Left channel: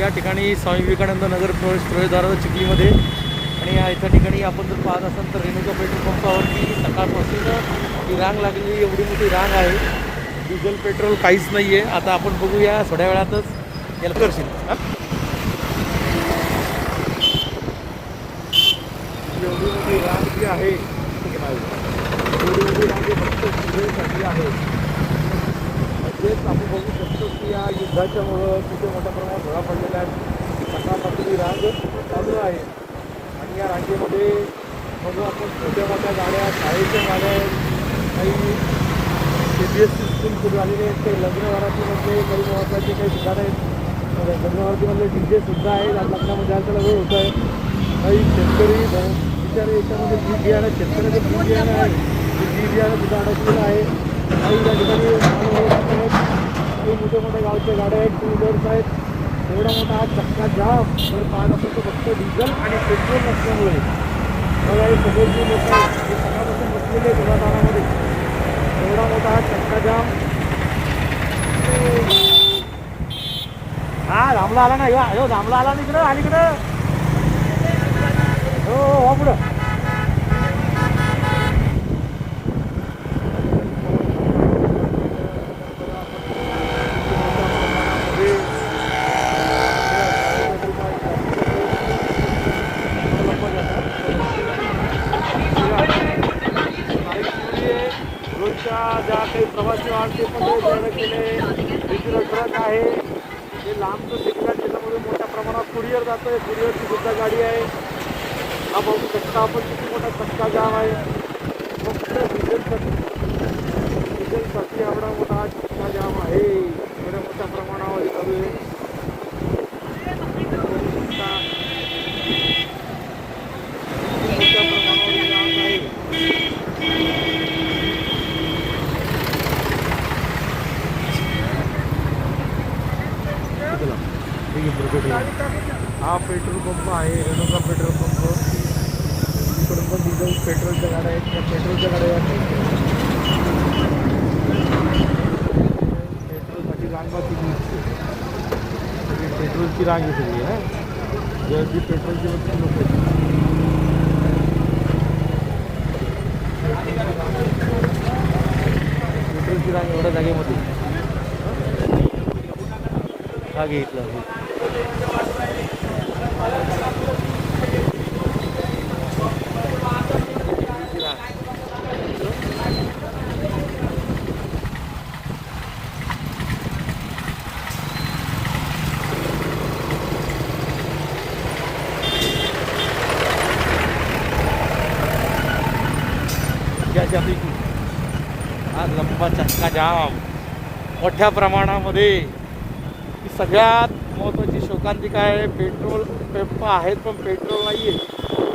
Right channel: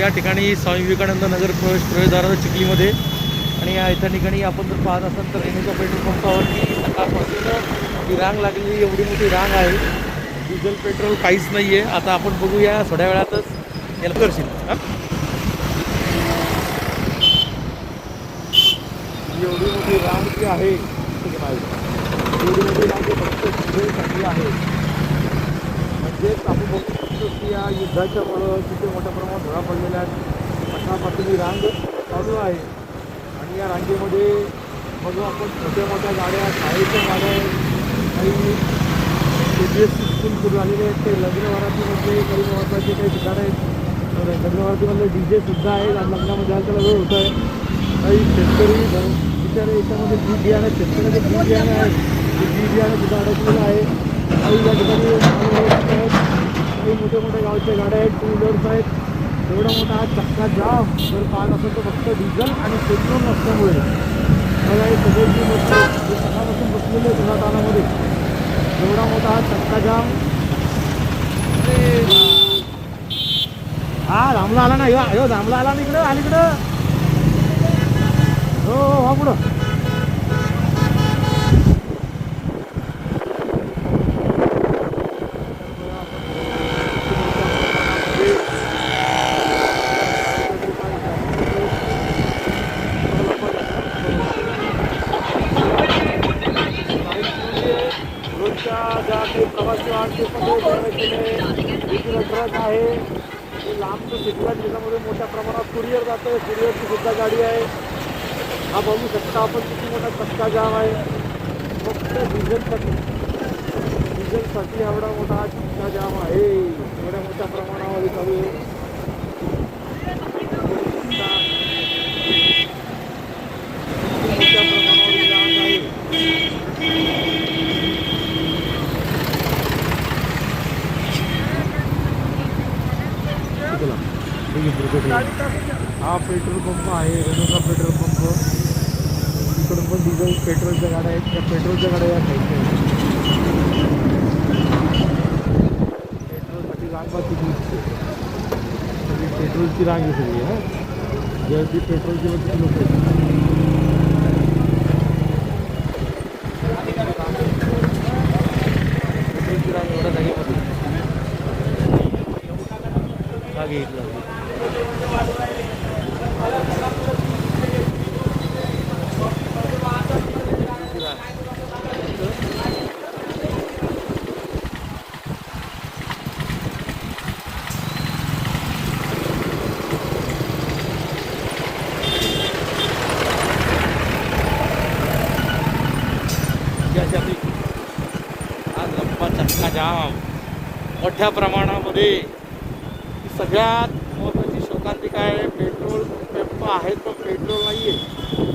या ठिकाणी स्वामी विवेकानंद नगर प्रवेशद्वाराचा चिखलीमध्ये. आणि या इथं ठिकाणी आपण जर पाहत असाल तर रेणुका पेट्रोल पंपावरती सकाळपासून ही रांग लागलेली, एवढी मोठी रांग आहे. डिझेल पेट्रोल काहीच नाही आहे. आता आपण बघूया थोड्या वेळातच याला करशील एवढी मोठी रांग जी आहे ठीक आहे एवढी मोठी रांग फक्त डिझेलसाठी आहे. म्हणजेच आपण बघू शकतो की या युद्धाच्यामुळं तिथे मोठ्या प्रमाणात धोका पडलेला आहे. सकाळपासून ही रांग चालू आहे आणि या रांगेमध्ये बघू आपण छोट्या मोठ्या गाड्या, शाळेच्या गाड्या, काही CBSE स्कूल सुरू झालेले आहेत, काही लग्नवारातीमध्ये काही महत्त्वाचे काही ठिकाणं आहेत. लग्नवारातीमध्ये DJ सुद्धा आहेत. आज लग्नामध्ये त्याला वेळ होत आहे. काही शेतकरी बिचारे याच्यामध्ये बी बियाणं, शेतकऱ्याचे बी बियाणं आहे, बी बियाणं सुद्धा अडकलेलं आहे. काही या ठिकाणी काही मोठ्या मोठ्या गावच्या गाड्या आहेत, टू व्हीलर्स आहेत. एवढा मोठा हा चक्का जाम जर पाहत असेल तर फक्त डिझेल आणि पेट्रोल नसल्यामुळे सगळी सकाळपासून बसलेले आहेत समाधानामध्ये. एवढा मोठा हा चक्का जाम. हा धामला आला ना, ह्यो धामला आला ना इकडं आणि इकडं हो पुढं रोजच्या ज्या काही प्रवासी वाहनचे पण केले वेगवेगळं ट्रक आहे ते लांबचं तिकडं त्याच्यामुळे मोठ्या प्रमाणात कुरिअर जातं आहे. कुरिअरची सुद्धा गाडी आहे. हा बघू शकता आपण किती मोठा चक्का जाम आहे. फक्त डिझेलसाठी एवढा मोठा चक्का जाम आहे. एवढ्या मोठ्या प्रमाणावर चालू आहे. मोठ्या प्रमाणावर जाम आहे. हा पेट्रोल पंप आहे, रेणुका पेट्रोल पंप. इकडून पण डिझेल पेट्रोलच्या गाड्या आहेत. त्या पेट्रोलच्या गाड्या या खायच्या आहेत. पेट्रोलसाठी लांबा किती पेट्रोलची रांग आहे सगळी. हा जे ती पेट्रोलची वरती लोक पेट्रोलची रांग एवढ्या जागेमध्ये जागे इथलं. आज लंबा चक्का जाम मोठ्या प्रमाणामध्ये. सगळ्यात महत्त्वाची शोकांतिका आहे, पेट्रोल पंप आहेत पण पेट्रोल नाही आहे.